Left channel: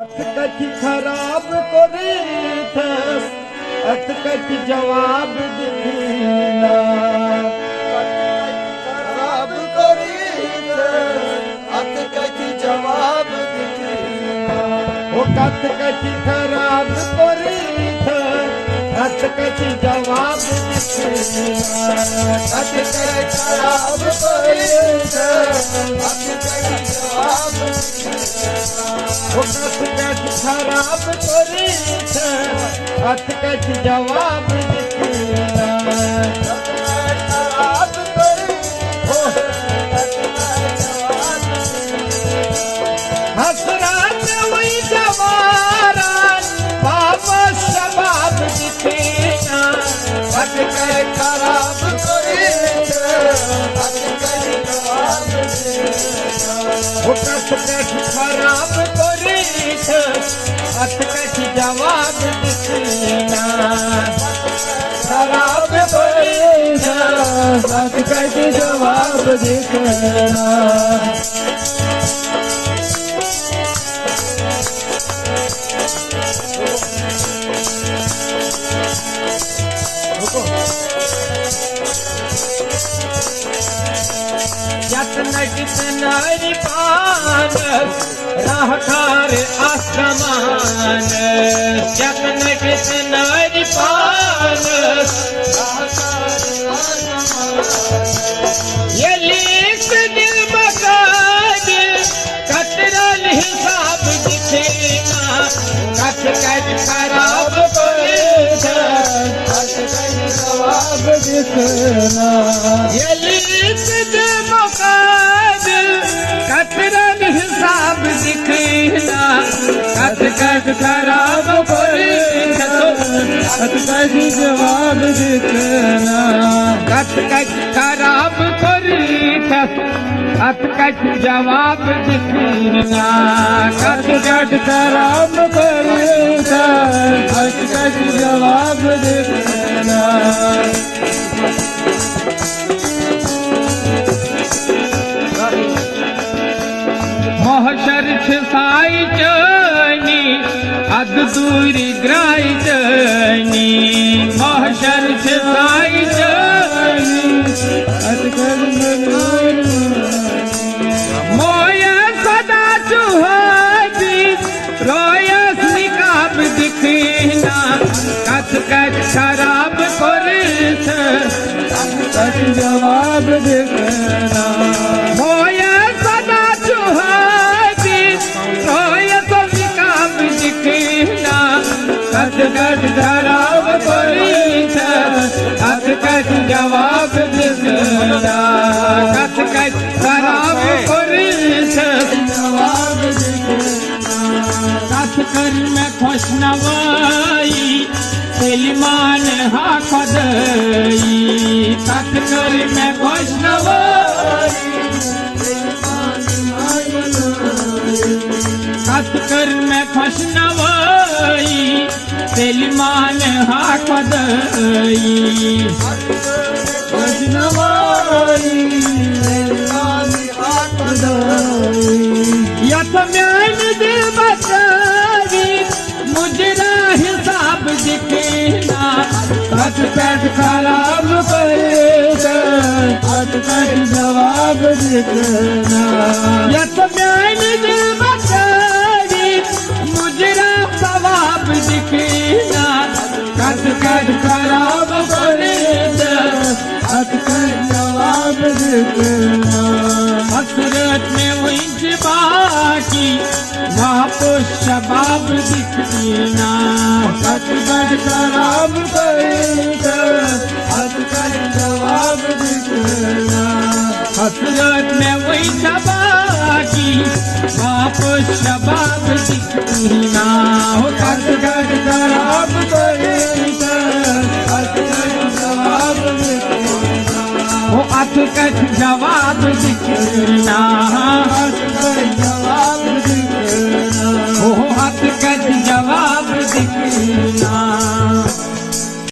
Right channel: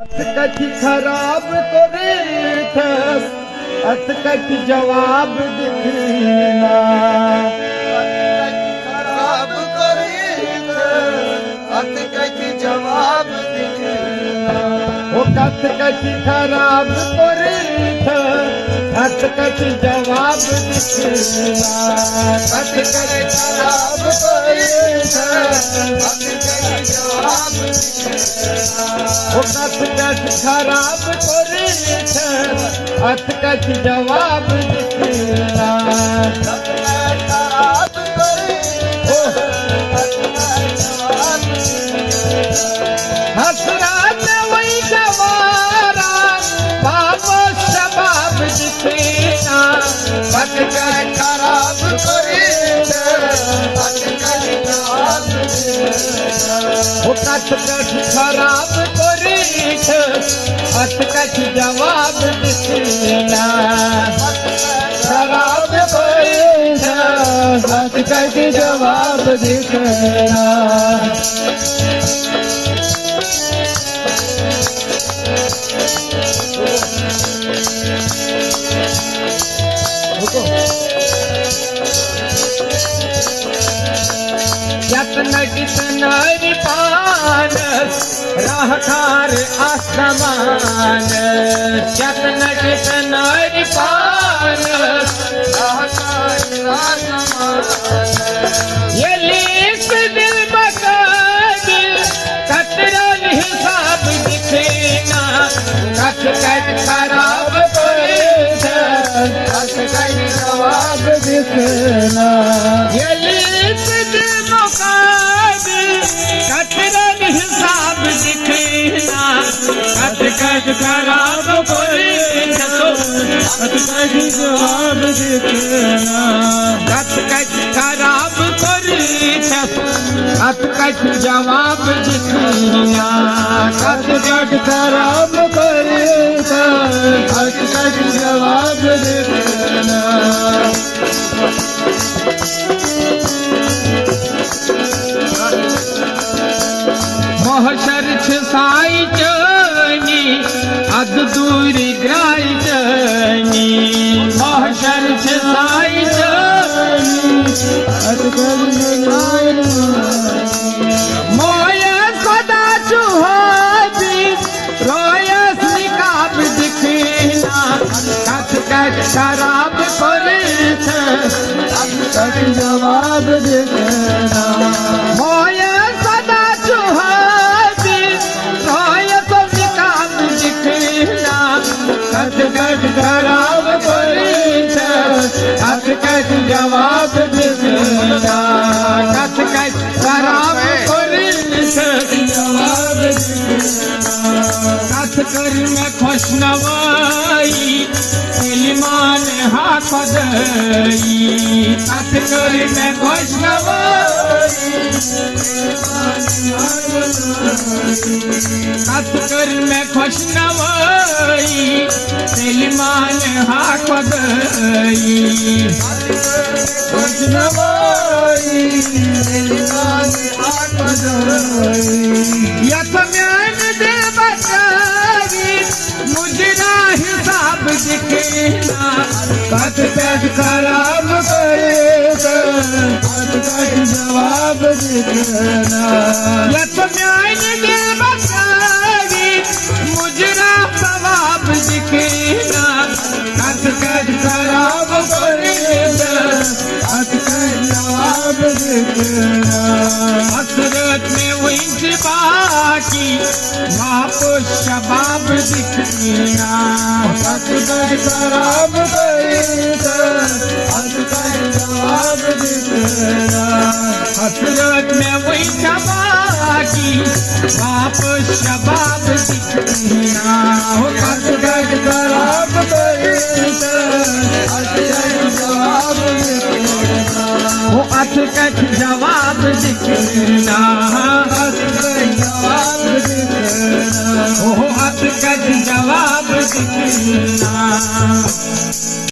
कथी खराब तोरे थस अतकट जवाब दिखना खराब करे अतकट जवाब दिखना ओ कथकट खराब तोरे थस अतकट जवाब दिखना अतकट खराब करे अतकट जवाब ओ कथकट खराब तोरे थस अतकट जवाब दिखना हसरत वही जवारा बाबा शबाब दिखना अतकट खराब करे अतकट जवाब ओ कथकट खराब तोरे थस अतकट जवाब दिखना खराब करे अतकट जवाब दिखना कितनरी पान राह खार आसमान जतन कितनरी पान ये लिख दिल बकाद कतरन हिसाब दिखेना कथकट खराब तोरे अतकट जवाब दिखना ये लिख दिल बकाद कतरन हिसाब दिखेना कथकट खराब तोरे अतकट जवाब दिखना कथकट खराब तोरे अतकट जवाब दिखना अतकट खराब करे अतकट जवाब दिखना मोहशर छाई चनी अद दूर ग्राई चनी मोहशर छाई चनी मोया सदा चुहाजी रोयस निकाब दिखना कथकट खराब तोरे अतकट जवाब दिखना मोया सदा चुहाजी रोयस निकाब दिखना कथकट खराब तोरे कथकट जवाब दिखना कथकट खराब तोरे जवाब कथकर में खुशनवाई सलमान हाथ दई कथकर में खुशनवाई कथकर में खुशनवाई सलमान हाथ दई यतमैन दिल बचावी मुजरा हिसाब दिखना अतकट खराब करे अतकट जवाब दिखना यतमैन दिल बचावी मुजरा सवाब दिखना अतकट खराब करे अतकट जवाब दिखना हसरत में विंच बाकी वापो शबाब दिखना अतकट खराब करे अतकट जवाब दिखना हसरत में विंच बाकी वापो शबाब दिखना अतकट खराब करे अतकट जवाब दिखना वो अतकट जवाब दिखना